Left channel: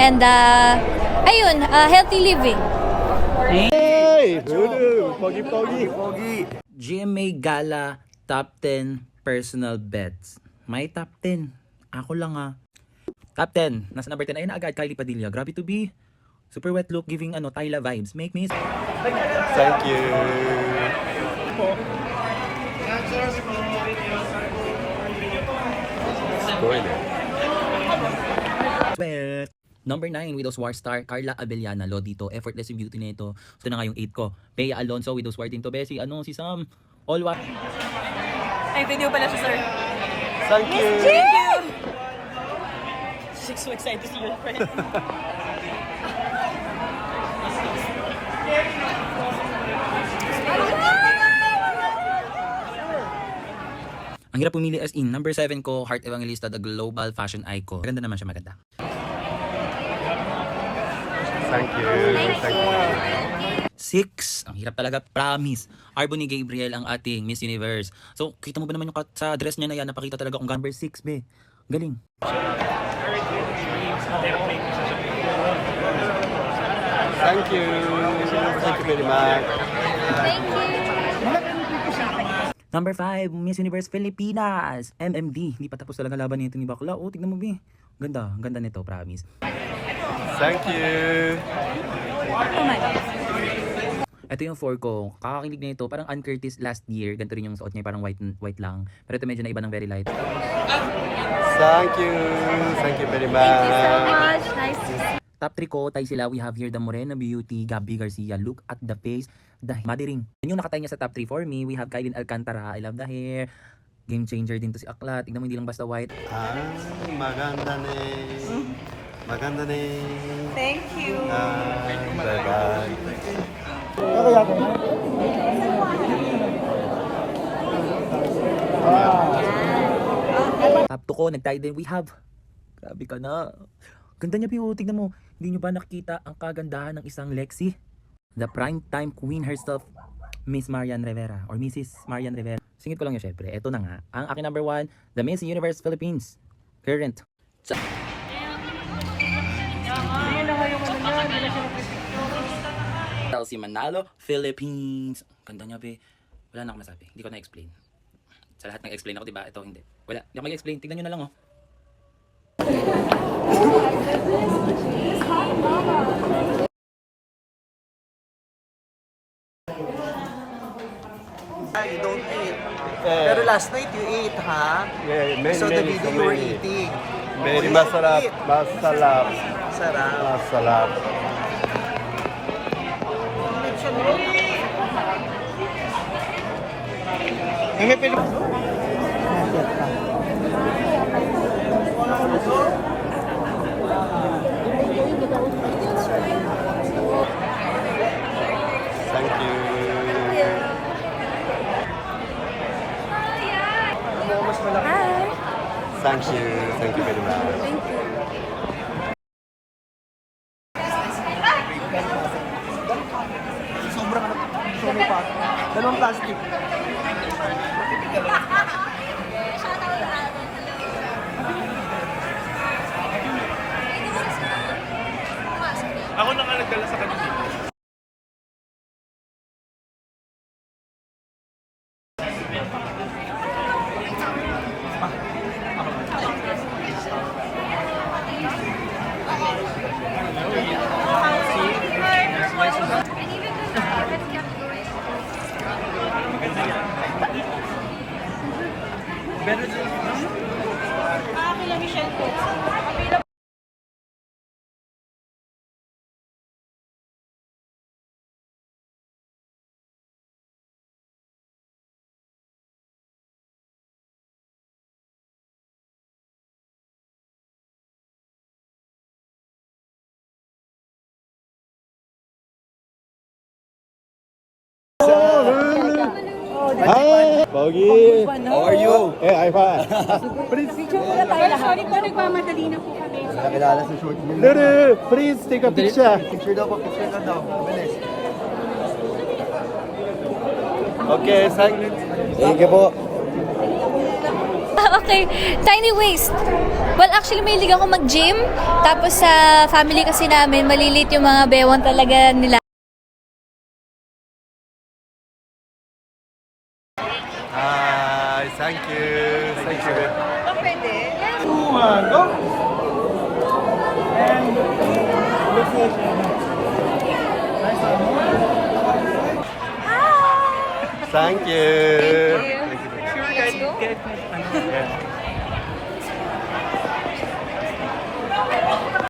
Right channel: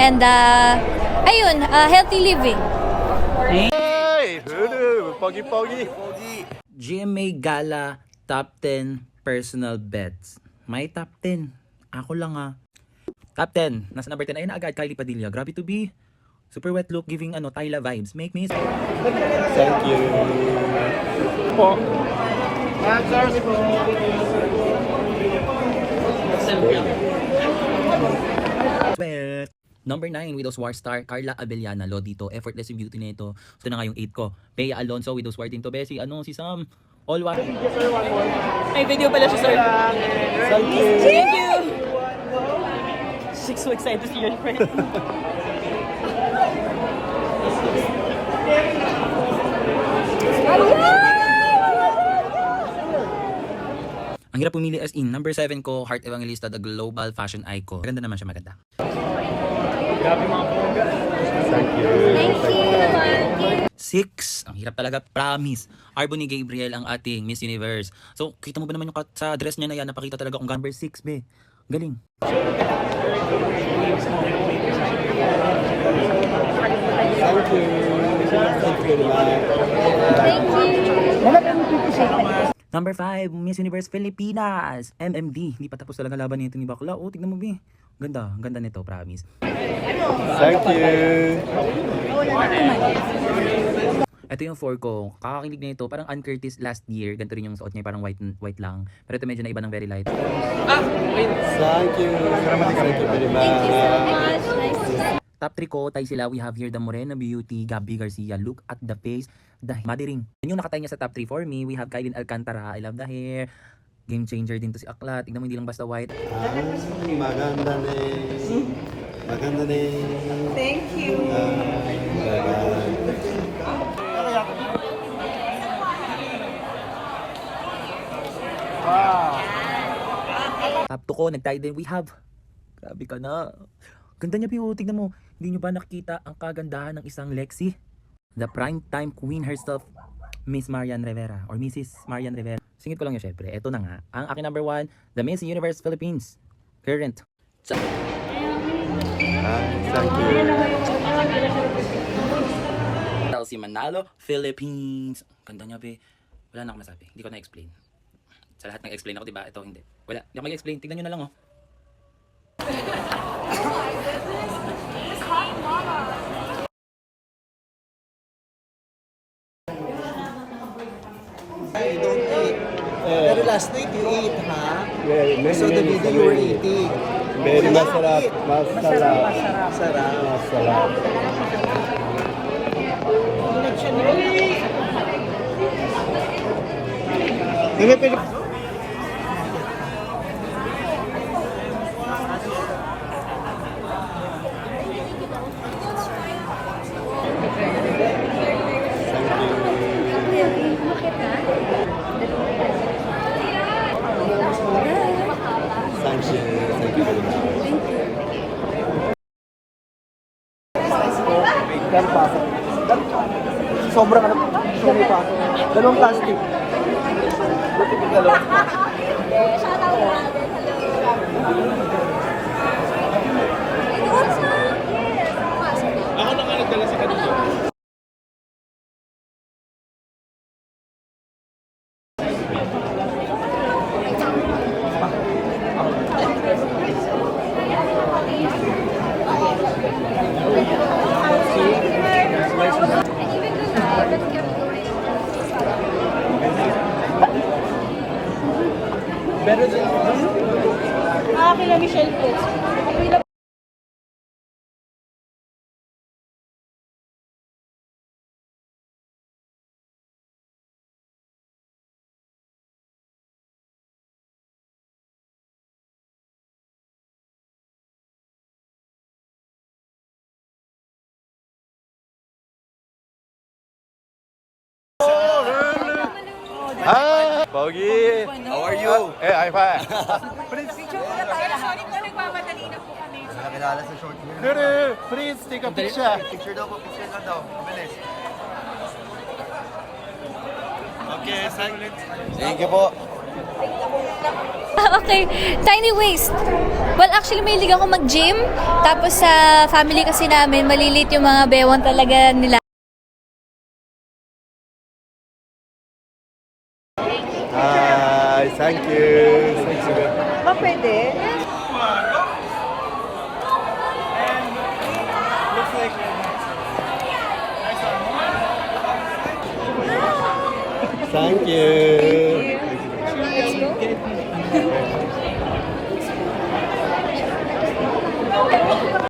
And ayun, healthy living. GMA Gala Top 10 Personal Bets. May top 10. Ako lang Top 10. Nasa number 10 ayun na agad, Kylie Padilla. Grabe to be. Super wet look, giving Tyla vibes. Make me. Thank you. Po. Spoiler. Well, number 9, Widow's War star Carla Abellana. Lodito, effortless yung beauty nito. Ito na nga yung 8 ko. Bea Alonso, Widow's War din to. Besi, si Sam. All what? May video pala siya, sir. Thank you. Thank you. She's so excited to see your friend. Ang hirap pumili as in. Number 7 ko, Heart Evangelista, the global fashion icon. Maganda naman siya, maganda. Thank you. Thank you. 6, ang hirap talaga, promise. Arboni Gabriel ang ating Miss Universe. So, kita mo ba naman yung sa dress niya na yan, napakita talaga kung number 6, be. Galing. Thank you. Thank you very much. Number 5, Miss Universe Pilipinas, MMD. Hindi pa tapos talaga laban nito ni Bakla. Oh, tignan mo, be. Ganda, ganda nito, promise. Thank you. Ito yung 4 ko. Kakakilig na ito. Parang Ann Curtis last year. Ganito rin yung suot niya. Parang white lang. Pero ito medyo na iba ng very light. Thank you. Thank you very much. Top 3 ko, tayo sila. We have here the Morena Beauty, Gabby Garcia. Look at the face. The body ring. Yun yung nakatay niya sa top 3 for me. We have Kylie Alcantara. I love the hair. Game changer din to si Aklat. Tignan mo, hindi lang basta white. Maganda ne. Maganda ne. Thank you. Bye-bye. Top 2 ko, nagtayo din. We have. Grabe ka na. Ganda niya, Pio. Tignan mo. Hindi nyo ba nakikita ang kagandahan ng isang Lexi? The primetime queen herself, Miss Marian Rivera. Or Mrs. Marian Rivera. Singit ko lang yun, syempre. Ito na nga. Ang aking number 1, the Miss Universe Philippines. Current. Thank you. Chelsea Manalo, Philippines. Ganda niya, be. Wala na akong masabi. Hindi ko na-explain. Sa lahat ng-explain ako, diba? Ito, hindi. Wala. Hindi ako mag-explain. Tignan nyo na lang, oh. You don't eat. Pero last night you ate, ha? Yeah, So the video you were eating. Very Oh, masarap. eat. Masarap. Sarap. Masarap. Thank you. Thank you. Thank you very much. Sobrang ano, sobrang pa. Dalawang plastic. Shoutout natin. Hello. Better than Kina Michelle Cruz. Hi, Pogi. How are you? Hey, I'm fine. Sorry po, nagmamadali na po kami. Nakilala sa short film. Lulu, please take a picture. Picture daw po, picture lang daw. Bilis. Okay, thank you po. Okay, tiny waist. Well, actually, mahilig ako mag-gym. Tapos sa family kasi namin, malilit yung mga bewang talaga nila. Hi, thank you. Thank you. Go. And looks like Thank you. Let's go.